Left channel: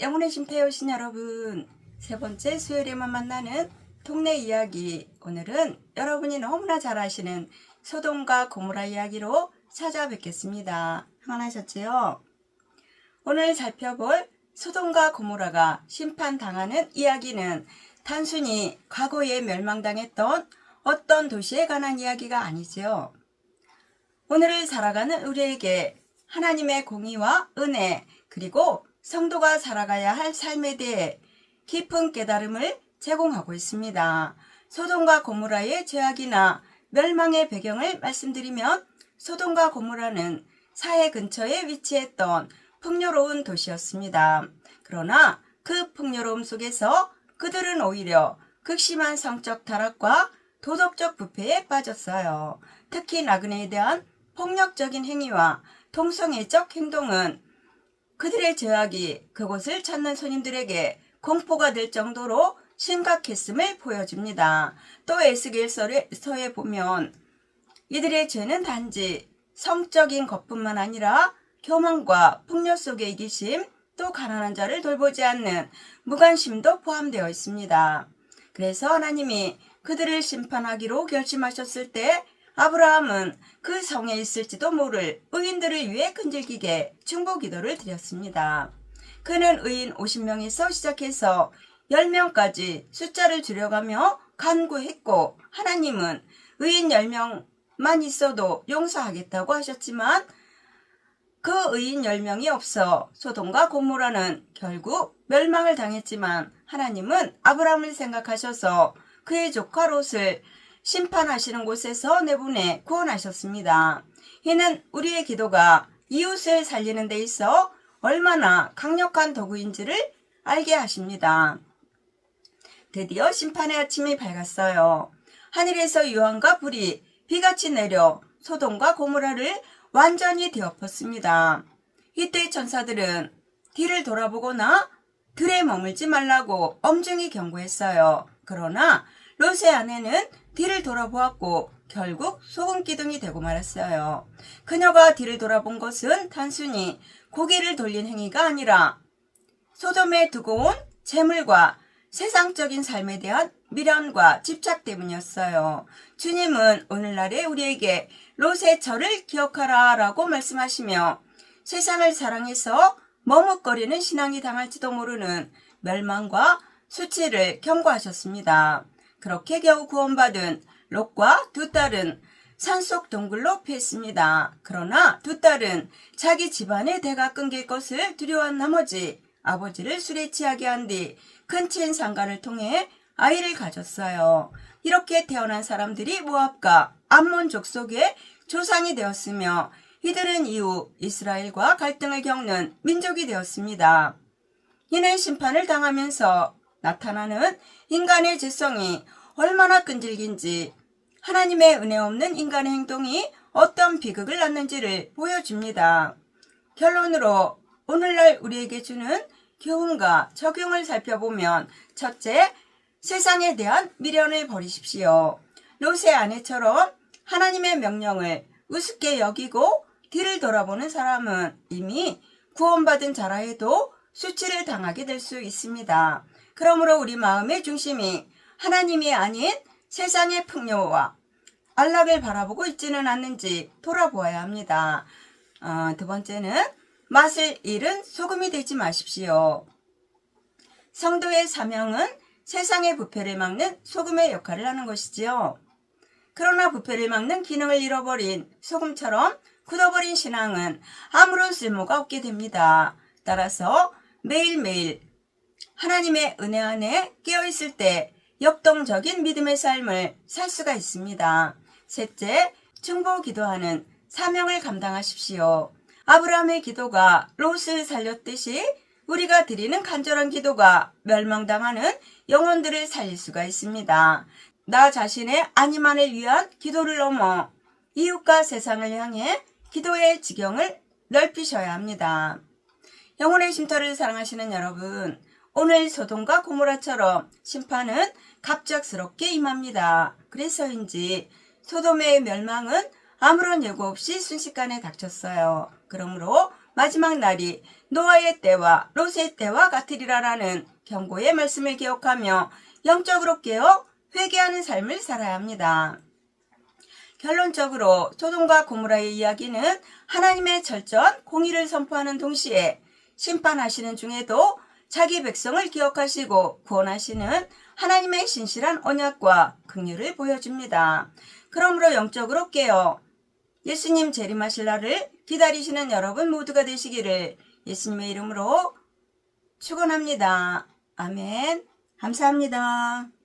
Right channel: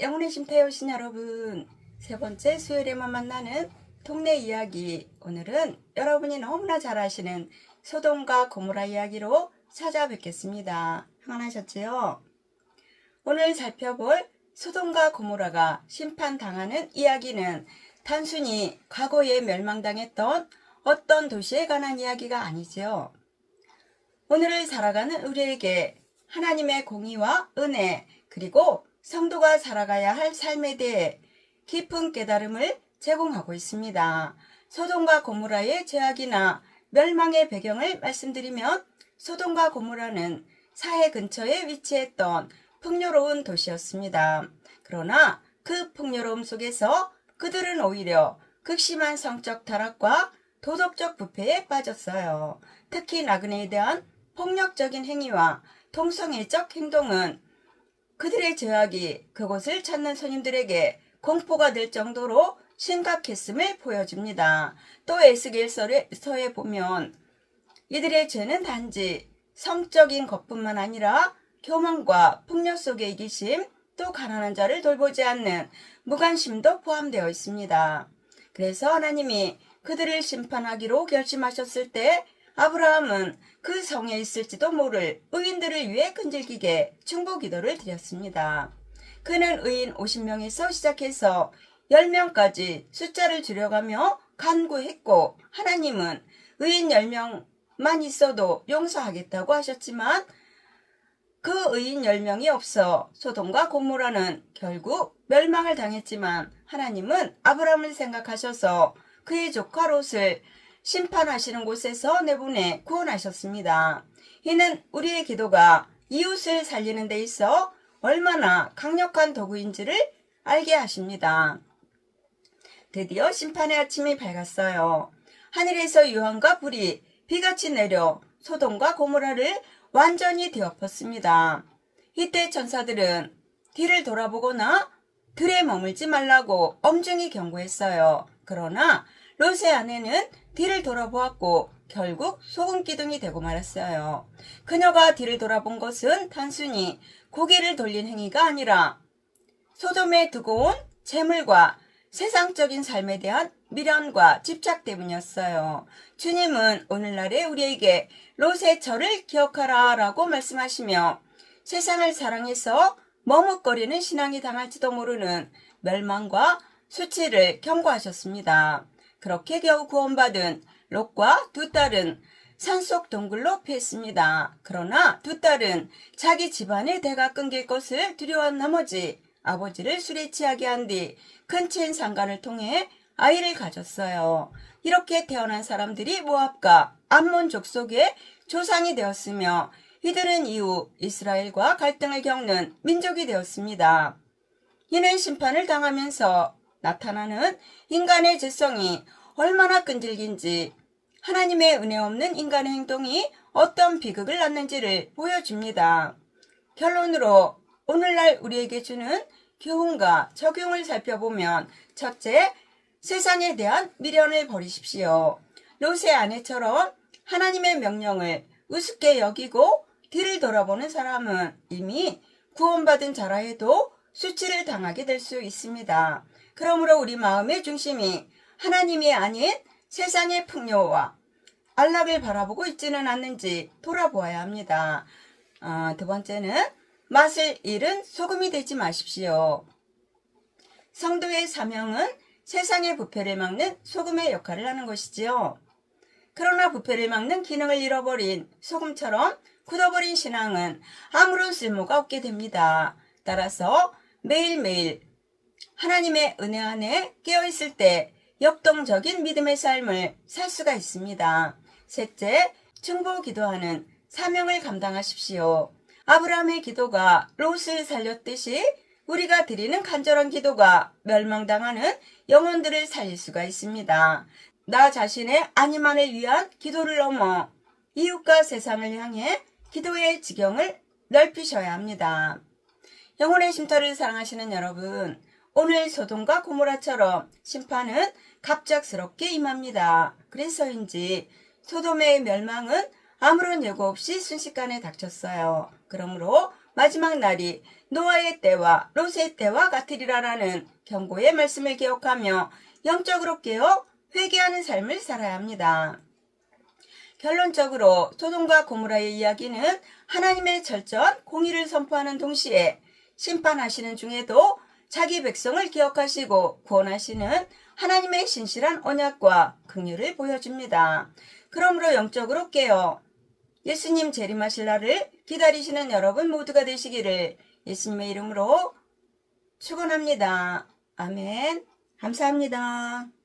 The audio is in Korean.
영혼의 쉼터에 오신 여러분, 세 번째 수요일에만 만나는 동네 이야기. 오늘은 여러분이 너무나 잘 아시는 소돔과 고모라 이야기로 찾아뵙겠습니다. 평안하셨지요? 오늘 살펴볼 소돔과 고모라가 심판당하는 이야기는 단순히 과거에 멸망당했던 어떤 도시에 관한 이야기가 아니죠. 오늘을 살아가는 우리에게 하나님의 공의와 은혜, 그리고 성도가 살아가야 할 삶에 대해 깊은 깨달음을 제공하고 있습니다. 소돔과 고모라의 죄악이나 멸망의 배경을 말씀드리면, 소돔과 고모라는 사해 근처에 위치했던 풍요로운 도시였습니다. 그러나 그 풍요로움 속에서 그들은 오히려 극심한 성적 타락과 도덕적 부패에 빠졌어요. 특히 나그네에 대한 폭력적인 행위와 동성애적 행동은 그들의 죄악이 그곳을 찾는 손님들에게 공포가 될 정도로 심각했음을 보여줍니다. 또 에스겔서에 보면 이들의 죄는 단지 성적인 것뿐만 아니라 교만과 폭력 속의 이기심, 또 가난한 자를 돌보지 않는 무관심도 포함되어 있습니다. 그래서 하나님이 그들을 심판하기로 결심하셨을 때 아브라함은 그 성에 있을지도 모를 의인들을 위해 끈질기게 중보 기도를 드렸습니다. 그는 의인 50명에서 시작해서 10명까지 숫자를 줄여가며 간구했고, 하나님은 의인 10명만 있어도 용서하겠다고 하셨지만 그 의인 10명이 없어 소돔과 고모라는 결국 멸망을 당했지만, 하나님은 아브라함을 생각하셔서 그의 조카 롯을 심판하시는 곳에서 내보내 구원하셨습니다. 이는 우리의 기도가 이웃을 살리는 데 있어 얼마나 강력한 도구인지를 알게 하십니다. 드디어 심판의 아침이 밝았어요. 하늘에서 유황과 불이 비같이 내려 소돔과 고모라를 완전히 뒤엎었습니다. 이때 천사들은 뒤를 돌아보거나 들에 머물지 말라고 엄중히 경고했어요. 그러나 롯의 아내는 뒤를 돌아보았고 결국 소금기둥이 되고 말았어요. 그녀가 뒤를 돌아본 것은 단순히 고개를 돌린 행위가 아니라 소돔에 두고 온 재물과 세상적인 삶에 대한 미련과 집착 때문이었어요. 주님은 오늘날에 우리에게 롯의 절을 기억하라 라고 말씀하시며, 세상을 사랑해서 머뭇거리는 신앙이 당할지도 모르는 멸망과 수치를 경고하셨습니다. 그렇게 겨우 구원받은 롯과 두 딸은 산속 동굴로 피했습니다. 그러나 두 딸은 자기 집안의 대가 끊길 것을 두려워한 나머지 아버지를 술에 취하게 한 뒤 근친 상간을 통해 아이를 가졌어요. 이렇게 태어난 사람들이 모압과 암몬 족속의 조상이 되었으며, 이들은 이후 이스라엘과 갈등을 겪는 민족이 되었습니다. 이는 심판을 당하면서 나타나는 인간의 죄성이 얼마나 끈질긴지, 하나님의 은혜 없는 인간의 행동이 어떤 비극을 낳는지를 보여줍니다. 결론으로 오늘날 우리에게 주는 교훈과 적용을 살펴보면, 첫째, 세상에 대한 미련을 버리십시오. 롯의 아내처럼 하나님의 명령을 우습게 여기고 뒤를 돌아보는 사람은 이미 구원받은 자라 해도 수치를 당하게 될 수 있습니다. 그러므로 우리 마음의 중심이 하나님이 아닌 세상의 풍요와 안락을 바라보고 있지는 않는지 돌아보아야 합니다. 두 번째는 맛을 잃은 소금이 되지 마십시오. 성도의 사명은 세상의 부패를 막는 소금의 역할을 하는 것이지요. 그러나 부패를 막는 기능을 잃어버린 소금처럼 굳어버린 신앙은 아무런 쓸모가 없게 됩니다. 따라서 매일매일 하나님의 은혜 안에 깨어있을 때 역동적인 믿음의 삶을 살 수가 있습니다. 셋째, 중보 기도하는 사명을 감당하십시오. 아브라함의 기도가 롯을 살렸듯이 우리가 드리는 간절한 기도가 멸망당하는 영혼들을 살릴 수가 있습니다. 나 자신의 안위만을 위한 기도를 넘어 이웃과 세상을 향해 기도의 지경을 넓히셔야 합니다. 영혼의 쉼터를 사랑하시는 여러분, 오늘 소돔과 고모라처럼 심판은 갑작스럽게 임합니다. 그래서인지 소돔의 멸망은 아무런 예고 없이 순식간에 닥쳤어요. 그러므로 마지막 날이 노아의 때와 롯의 때와 같으리라라는 경고의 말씀을 기억하며 영적으로 깨어 회개하는 삶을 살아야 합니다. 결론적으로 소돔과 고모라의 이야기는 하나님의 절전, 공의를 선포하는 동시에 심판하시는 중에도 자기 백성을 기억하시고 구원하시는 하나님의 신실한 언약과 긍휼을 보여줍니다. 그러므로 영적으로 깨어 예수님 재림하실 날을 기다리시는 여러분 모두가 되시기를 예수님의 이름으로 축원합니다. 아멘. 감사합니다.